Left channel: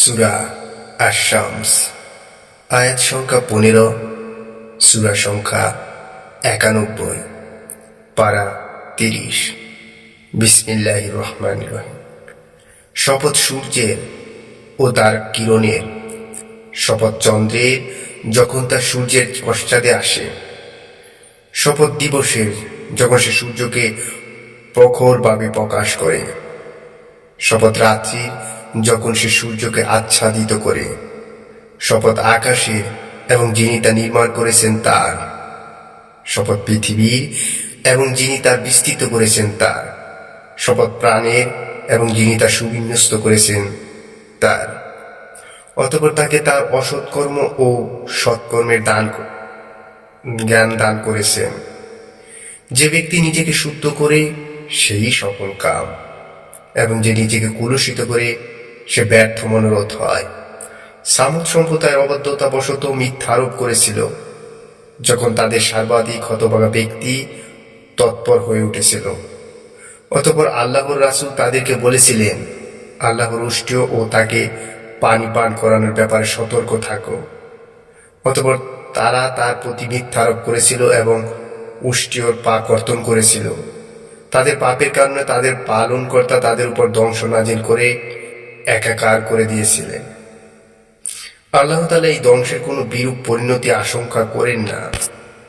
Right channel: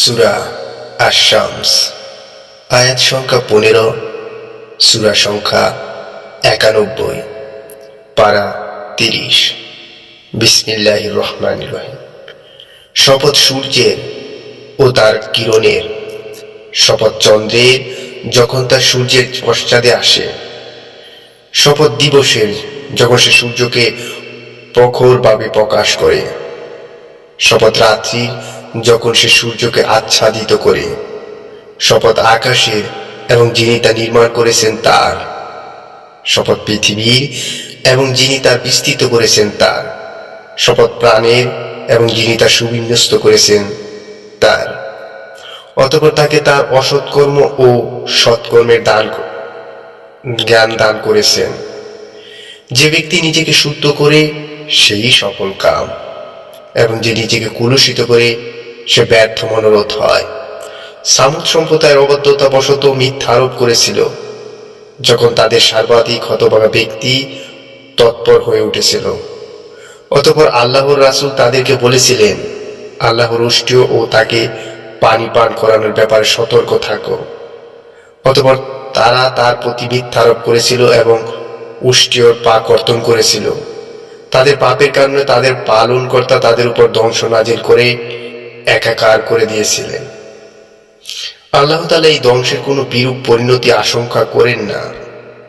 সূরা আশ-শামস, আয়াত সংখ্যা 15, সূরা সংখ্যা 91, পারা 30। বিসমিল্লাহির রহমানির রহিম। শপথ সূর্যের ও তার কিরণের, শপথ চন্দ্রের যখন তা সূর্যের পশ্চাতে আসে, শপথ দিবসের যখন সে সূর্যকে প্রখরভাবে প্রকাশ করে, শপথ রাত্রির যখন সে সূর্যকে আচ্ছাদিত করে, শপথ আকাশের এবং যিনি তা নির্মাণ করেছেন তার, শপথ পৃথিবীর এবং যিনি তার বিস্তৃত করেছেন তার, শপথ প্রাণের এবং যিনি তা সুবিন্যস্ত করেছেন তার। অতঃপর তাকে তার অসৎকর্ম ও সৎকর্মের জ্ঞান দান করেছেন। যে ব্যক্তি নিজেকে শুদ্ধ করে সেই সফল কাম, এবং যে নিজেকে কলুষিত করে সে ব্যর্থ মনোরথ হয়। সামুদ সম্প্রদায়ের অবদ্ধতাবশত মিথ্যারোপ করেছিল যখন তাদের সর্বাধিক হতভাগা ব্যক্তি তৎপর হয়ে উঠেছিল। অতঃপর আল্লাহর রাসূল তাদেরকে বলেছিলেন, আল্লাহর উষ্ট্রীয় ও তাকে পানি পান করানোর ব্যাপারে সতর্ক থাকো। অতঃপর তারা তার প্রতি মিথ্যারোপ করেছিল এবং উষ্ট্রীয়র পা কর্তন করেছিল। তাদের পাপের কারণে তাদের পালনকর্তা তাদের উপর ধ্বংস নাজিল করে একাকার করে দিয়েছিলেন। আল্লাহ তাআলা এই ধ্বংসের কোনো বিরূপ পরিণতি আশঙ্কা করেন না।